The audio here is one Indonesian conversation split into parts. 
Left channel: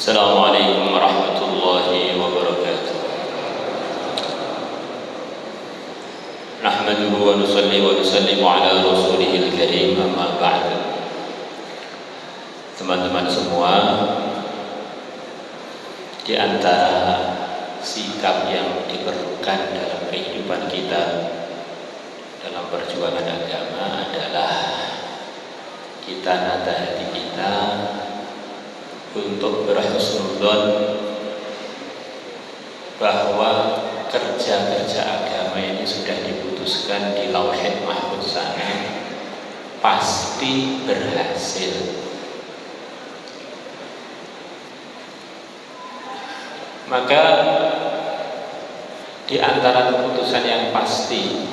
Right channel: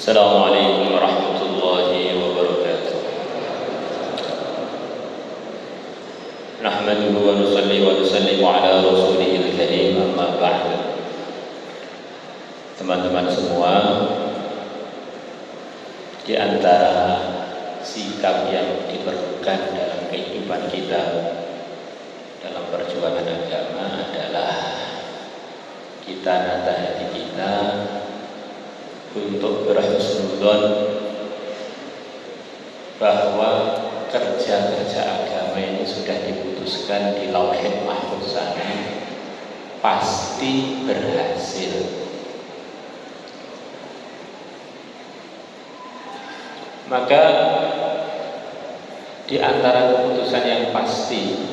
Assalamualaikum warahmatullahi wabarakatuh. Nahmaduhu wa nusalli wa nusallimu ala rasulihil karim, amma ba'du. Teman-teman semua, di antara sikap yang diperlukan dalam kehidupan kita dalam perjuangan agama adalah kita nata hati kita untuk berhusnudzon bahwa kerja-kerja agama ini sudah diputuskan di Lauhul Mahfuz sana pasti berhasil. Maka di antara keputusan yang pasti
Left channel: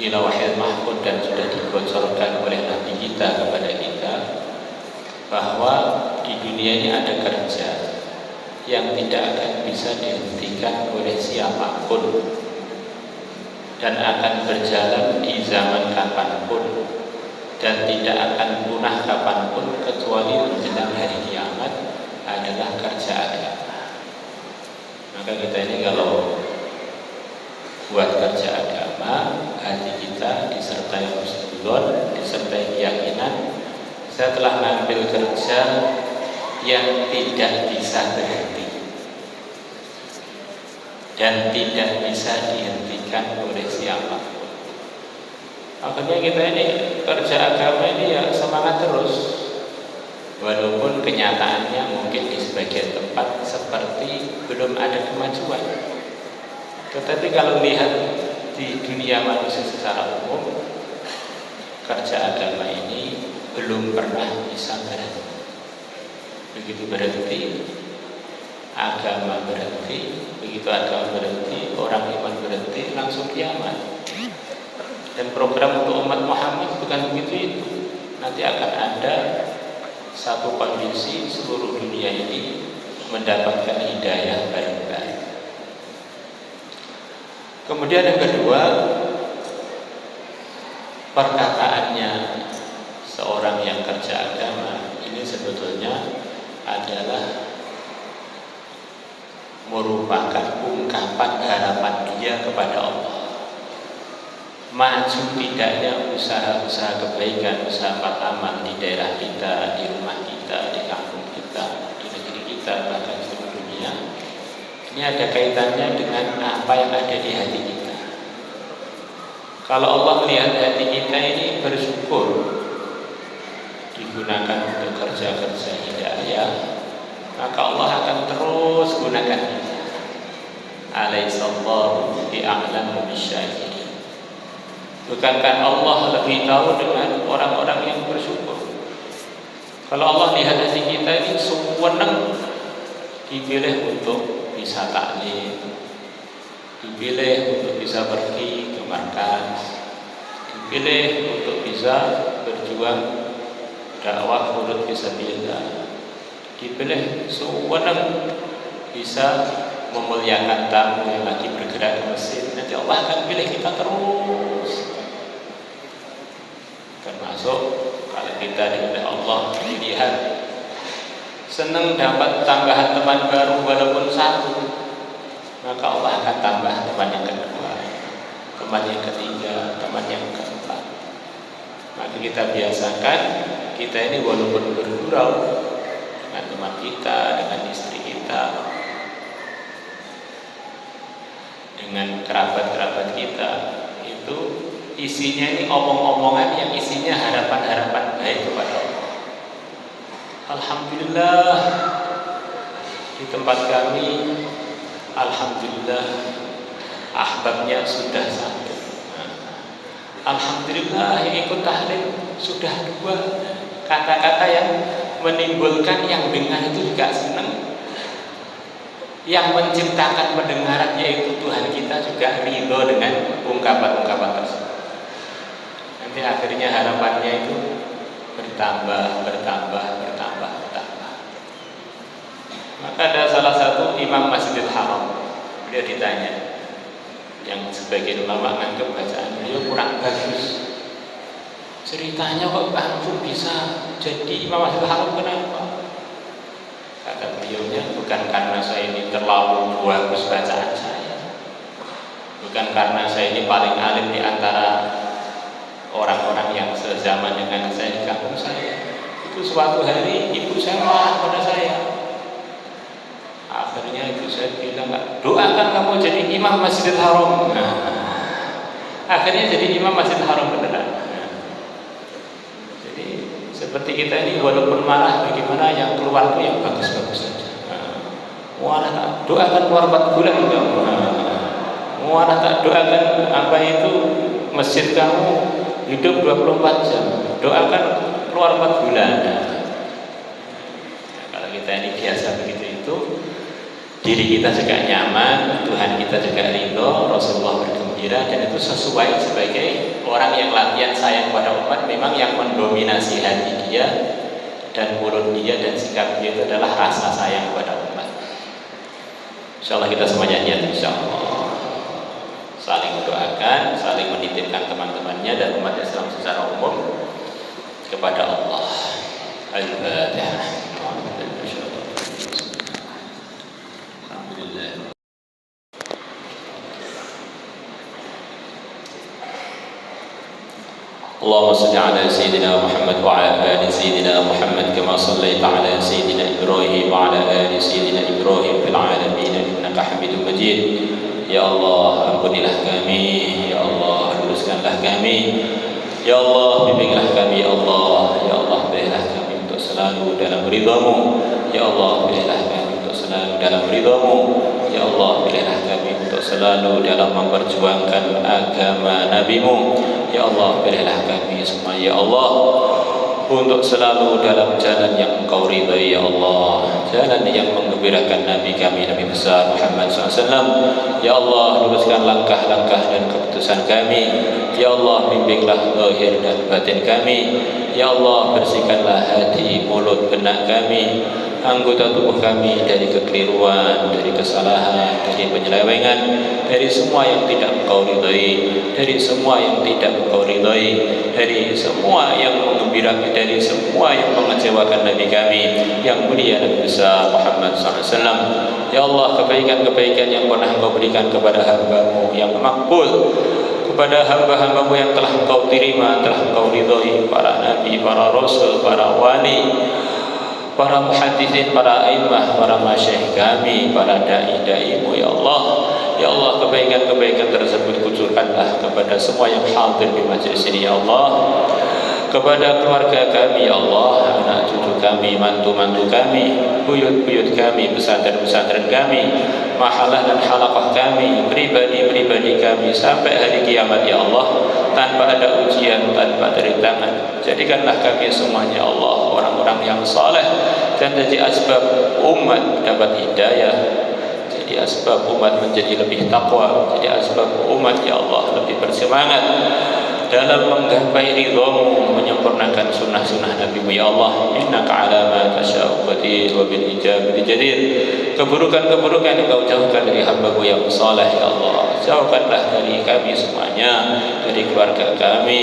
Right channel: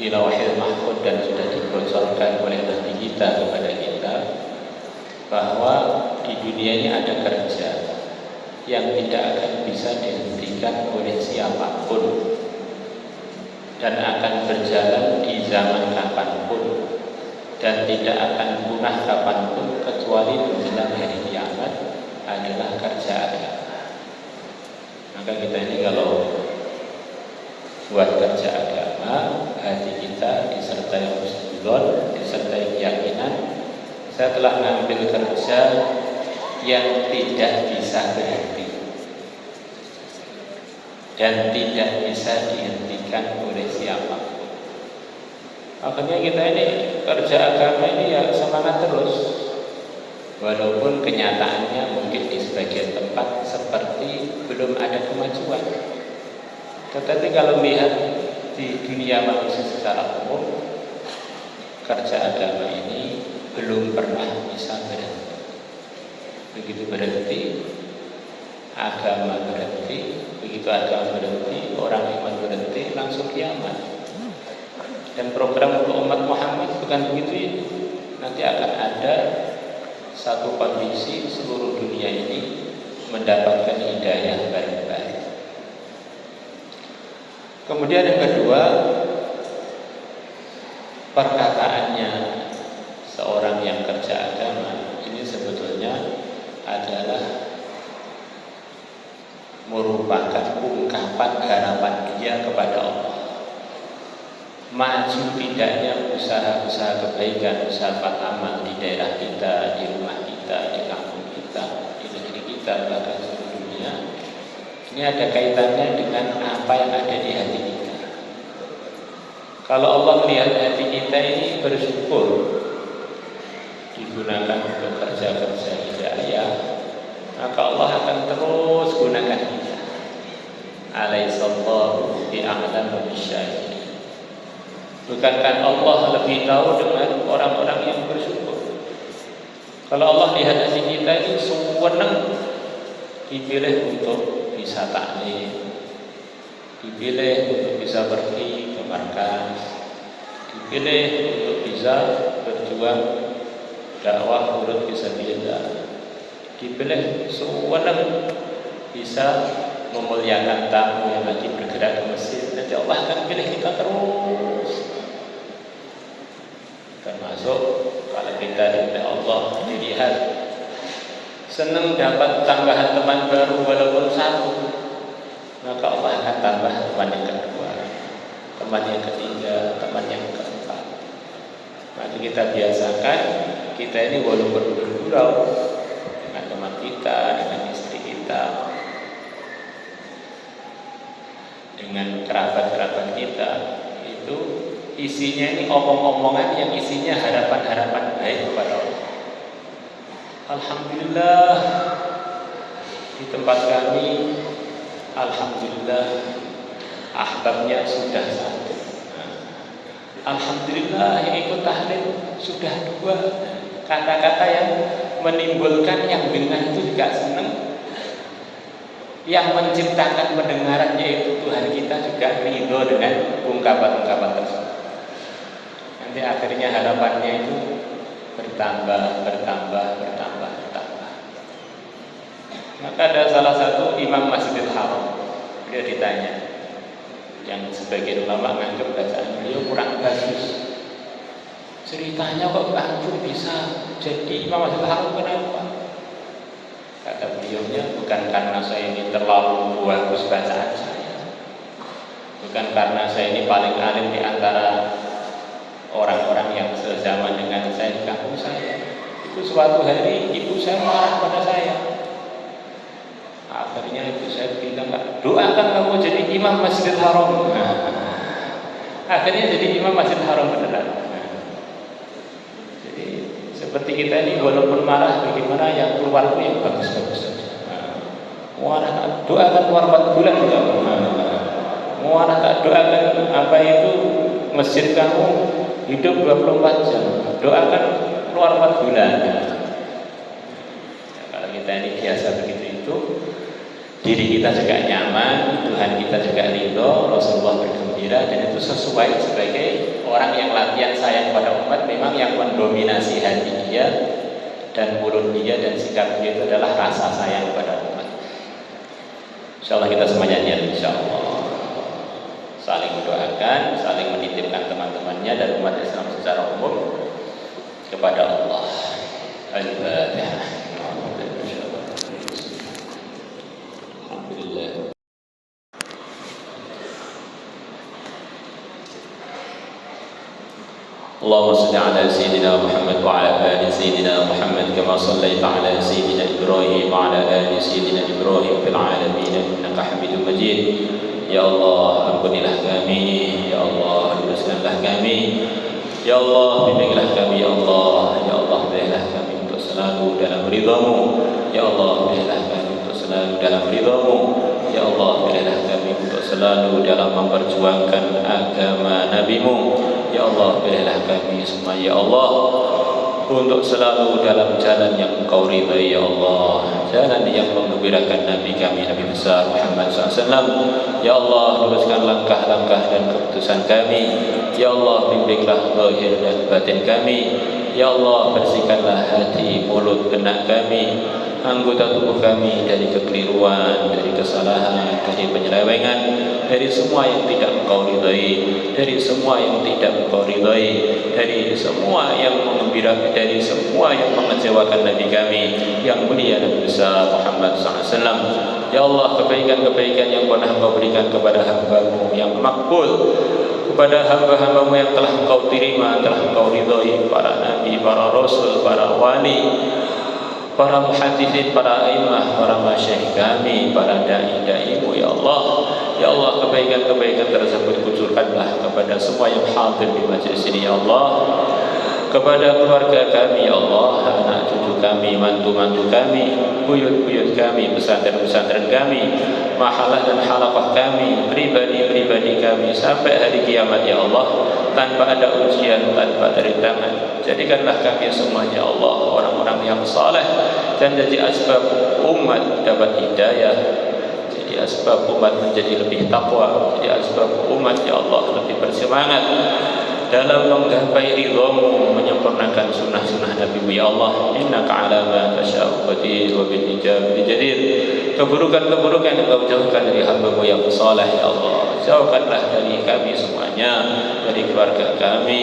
di Lauhul Mahfuz dan sudah dibocorkan oleh Nabi kita kepada kita bahwa di dunia ini ada kerja yang tidak akan bisa dihentikan oleh siapapun dan akan berjalan di zaman kapanpun dan tidak akan punah kapanpun kecuali menjelang hari kiamat, adalah kerja agama. Maka kita ini kalau buat kerja agama, hati kita disertai husnudzon, disertai keyakinan saya telah mengambil kerja yang tidak bisa berhenti dan tidak bisa dihentikan oleh siapa. Makanya kita ini kerja agama ini ya semangat terus, walaupun kenyataannya mungkin di sebagian tempat seperti belum ada kemajuan. Tetapi kalau lihat di dunia manusia secara umum, kerja agama ini belum pernah bisa berhenti. Begitu berhenti, agama berhenti. Begitu agama berhenti, orang iman berhenti, langsung kiamat. Dan program untuk umat Muhammad bukan begitu ini. Nanti akan ada satu kondisi seluruh dunia ini mendapatkan hidayah baru-baru. Kemudian yang kedua, perkataannya seorang yang kerja agama ini sebetulnya adalah merupakan ungkapan harapan dia kepada Allah. Maju tidaknya usaha-usaha kebaikan, usaha amal di daerah kita, di rumah kita, di kampung kita, di negeri kita, bahkan seluruh dunia, ini ada kaitannya dengan apa yang ada di hati kita. Kalau Allah melihat hati kita ini bersyukur, digunakan untuk kerja-kerja hidayah, maka Allah akan terus gunakan kita. Alaihissallahu bi'a'lamu bisyai'in. Bukankah Allah lebih tahu dengan orang-orang yang bersyukur? Kalau Allah lihat hati kita ini senang, dipilih untuk bisa taklim, dipilih untuk bisa pergi ke markas, dipilih untuk bisa berjuang dakwah urut fisabilillah, dipilih sewenang bisa memuliakan tamu yang lagi bergerak di masjid. Nanti Allah akan pilih kita terus. Termasuk kalau kita dipilih Allah, dilihat senang dapat tambahan teman baru walaupun satu, maka Allah akan tambah teman yang kedua, teman yang ketiga, teman yang keempat. Maka kita biasakan kita ini walaupun bergurau dengan teman kita, dengan istri kita, dengan kerabat-kerabat kita, itu isinya ini omong-omongan yang isinya harapan-harapan baik kepada Allah. Alhamdulillah di tempat kami, alhamdulillah ahbabnya sudah satu. Alhamdulillah yang ikut tahlim sudah dua. Kata-kata yang menimbulkan yang dengar itu juga senang. Yang menciptakan pendengaran yaitu Tuhan kita juga ridho dengan ungkapan-ungkapan tersebut. Nanti akhirnya harapannya itu bertambah. Maka ada salah satu imam Masjidil Haram, dia ditanya, yang sebagian ulama menganggap bacaan beliau kurang bagus. Ceritanya kok antum bisa jadi imam Masjidil Haram, kenapa? karena saya ini paling alim di antara orang-orang yang sezaman dengan saya di kampung saya. Itu suatu hari ibu saya marah pada saya. Akhirnya ibu saya bilang, doakan kamu jadi imam Masjidil Haram. Akhirnya jadi imam Masjidil Haram beneran. Jadi seperti kita ini walaupun marah, bagaimana yang keluar itu yang bagus-bagus saja. Mualah doakan keluar 4 bulan. Mualah tak doakan apa itu masjid kamu hidup 24 jam. Doakan keluar 4 bulan. Nah, kalau kita ini biasa begitu itu, diri kita juga nyaman, Tuhan kita juga ridho, Rasulullah bergembira, dan itu sesuai sebagai orang yang latihan sayang pada umat. Memang yang mendominasi hati dia dan mulut dia dan sikap dia itu adalah rasa sayang pada umat. Insyaallah kita semuanya niat insyaallah saling mendoakan, saling menitipkan teman-temannya dan umat Islam secara umum kepada Allah. Al-Fatihah. اللهم صل على سيدنا محمد وعلى آل سيدنا محمد كما صليت على سيدنا إبراهيم وعلى آل سيدنا إبراهيم في العالمين إنك حميد مجيد. Ya Allah, ampunilah kami, ya Allah, luruskanlah kami, ya Allah, bimbinglah kami, ya Allah, ya Allah, berilah kami untuk selalu dalam ridha-Mu, ya Allah, berilah kami untuk selalu dalam ridha-Mu, ya Allah, berilah kami untuk selalu dalam memperjuangkan agama Nabi-Mu, ya Allah, berilah kami semua, ya Allah, untuk selalu dalam jalan yang Engkau ridhai, ya Allah, jalan yang menggembirakan Nabi kami, Nabi besar Muhammad SAW. Ya Allah, luruskan langkah-langkah dan keputusan kami. Ya Allah, bimbinglah zahir dan batin kami. Ya Allah, bersihkanlah hati, mulut, benak kami, anggota tubuh kami dari kekeliruan, dari kesalahan, dari penyelewengan, dari semua yang tidak Engkau ridhai, dari semua yang tidak Engkau ridhai, dari semua yang mengembirakan, dari semua yang mengecewakan Nabi kami yang mulia dan besar Muhammad SAW. Ya Allah, kebaikan-kebaikan yang pernah Engkau berikan kepada hamba-Mu yang makbul, kepada hamba-hamba-Mu yang telah Engkau terima, telah Engkau ridhai, para nabi, para rasul, para wali, para muhaddisin, para a'immah, para masyayikh kami, para dai-dai-Mu, ya Allah. Ya Allah, kebaikan-kebaikan tersebut kucurkanlah kepada semua yang hadir di majlis ini, ya Allah, kepada keluarga kami, ya Allah, anak cucu kami, mantu-mantu kami, buyut-buyut kami, pesantren-pesantren kami, mahalah dan halaqah kami, pribadi-pribadi kami sampai hari kiamat, ya Allah, tanpa ada ujian, tanpa ada rintangan. Jadikanlah kami semuanya, Allah, orang-orang yang saleh dan jadi asbab umat dapat hidayah, jadi asbab umat menjadi lebih takwa, jadi asbab umat, ya Allah, lebih bersemangat dalam menggapai ridha-Mu, menyempurnakan sunnah-sunnah Nabi-Mu, ya Allah. Innaka ala ma tasya'u qadir wa bil ijabati jadir. Keburukan-keburukan yang Engkau jauhkan dari hamba-Mu yang saleh, ya Allah. Jauhkanlah dari kami semuanya, dari keluarga kami,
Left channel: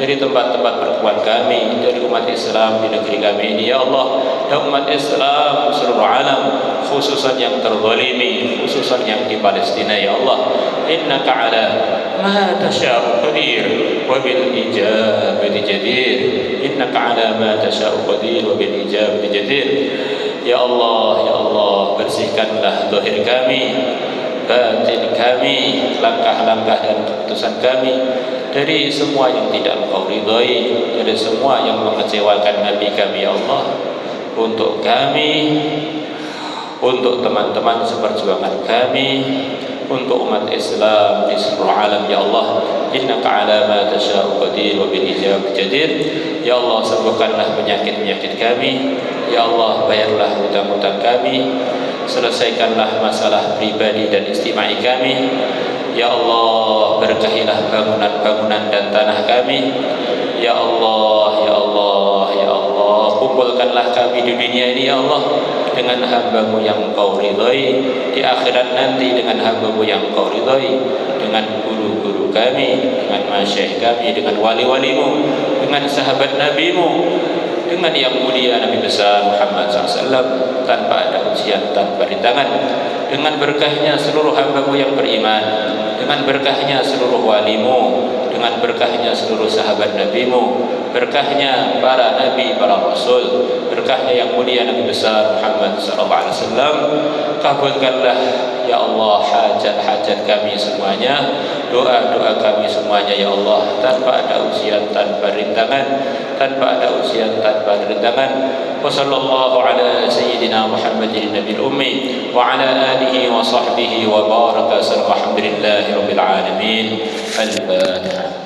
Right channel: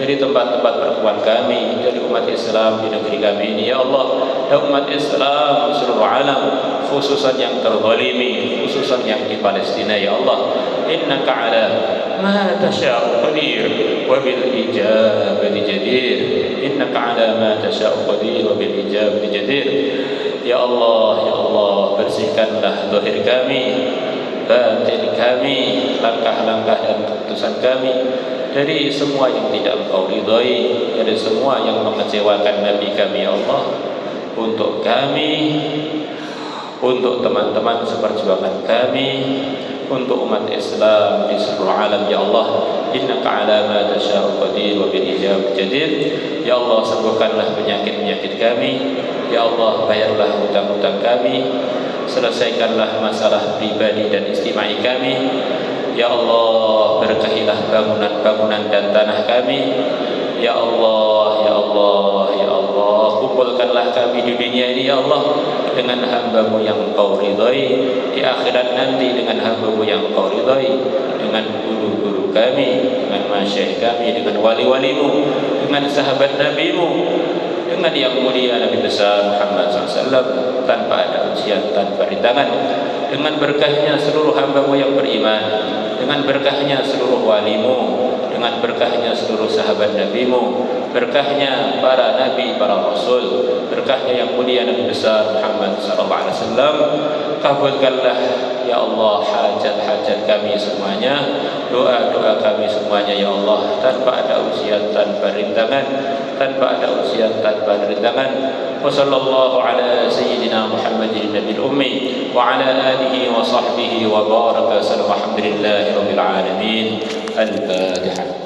dari tempat-tempat pertemuan kami, dari umat Islam di negeri kami ini, ya Allah, dan umat Islam seluruh alam, khususan yang terzalimi, khususan yang di Palestina, ya Allah. Innaka ala ma tasya'u qadir wa bil ijabati jadir. Innaka ala ma tasya'u qadir wa bil ijabati jadir. Ya Allah, ya Allah, bersihkanlah zahir kami, batin kami, langkah-langkah dan keputusan kami dari semua yang tidak Engkau ridhai, dari semua yang mengecewakan Nabi kami, ya Allah. Untuk kami, untuk teman-teman seperjuangan kami, untuk umat Islam di seluruh alam, ya Allah. Innaka ala ma tasya'u qadir wa bil ijabati jadir. Ya Allah, sembuhkanlah penyakit-penyakit kami, ya Allah, bayarlah hutang-hutang kami, selesaikanlah masalah pribadi dan istimai kami, ya Allah, berkahilah bangunan-bangunan dan tanah kami, ya Allah, ya Allah, ya Allah, kumpulkanlah kami di dunia ini, ya Allah, dengan hamba-Mu yang Engkau ridhai, di akhirat nanti dengan hamba-Mu yang Engkau ridhai, dengan guru-guru kami, dengan masyayikh kami, dengan wali-wali-Mu, dengan sahabat Nabi-Mu, dengan yang mulia Nabi besar Muhammad SAW, tanpa ada ujian, tanpa rintangan, dengan berkahnya seluruh hamba-Mu yang beriman, dengan berkahnya seluruh walimu, dengan berkahnya seluruh sahabat nabimu, berkahnya para nabi, para rasul, berkahnya yang mulia Nabi besar Muhammad sallallahu alaihi wasallam. Kabulkanlah ya Allah hajat-hajat kami semuanya, doa-doa kami semuanya ya Allah, tanpa ada ujian, tanpa rintangan, tanpa ada ujian, tanpa rintangan. Wa sallallahu ala sayyidina Muhammadin nabiyil ummi wa ala alihi wa sahbihi wa baraka. Alhamdulillahi rabbil alamin. Al-Fatihah.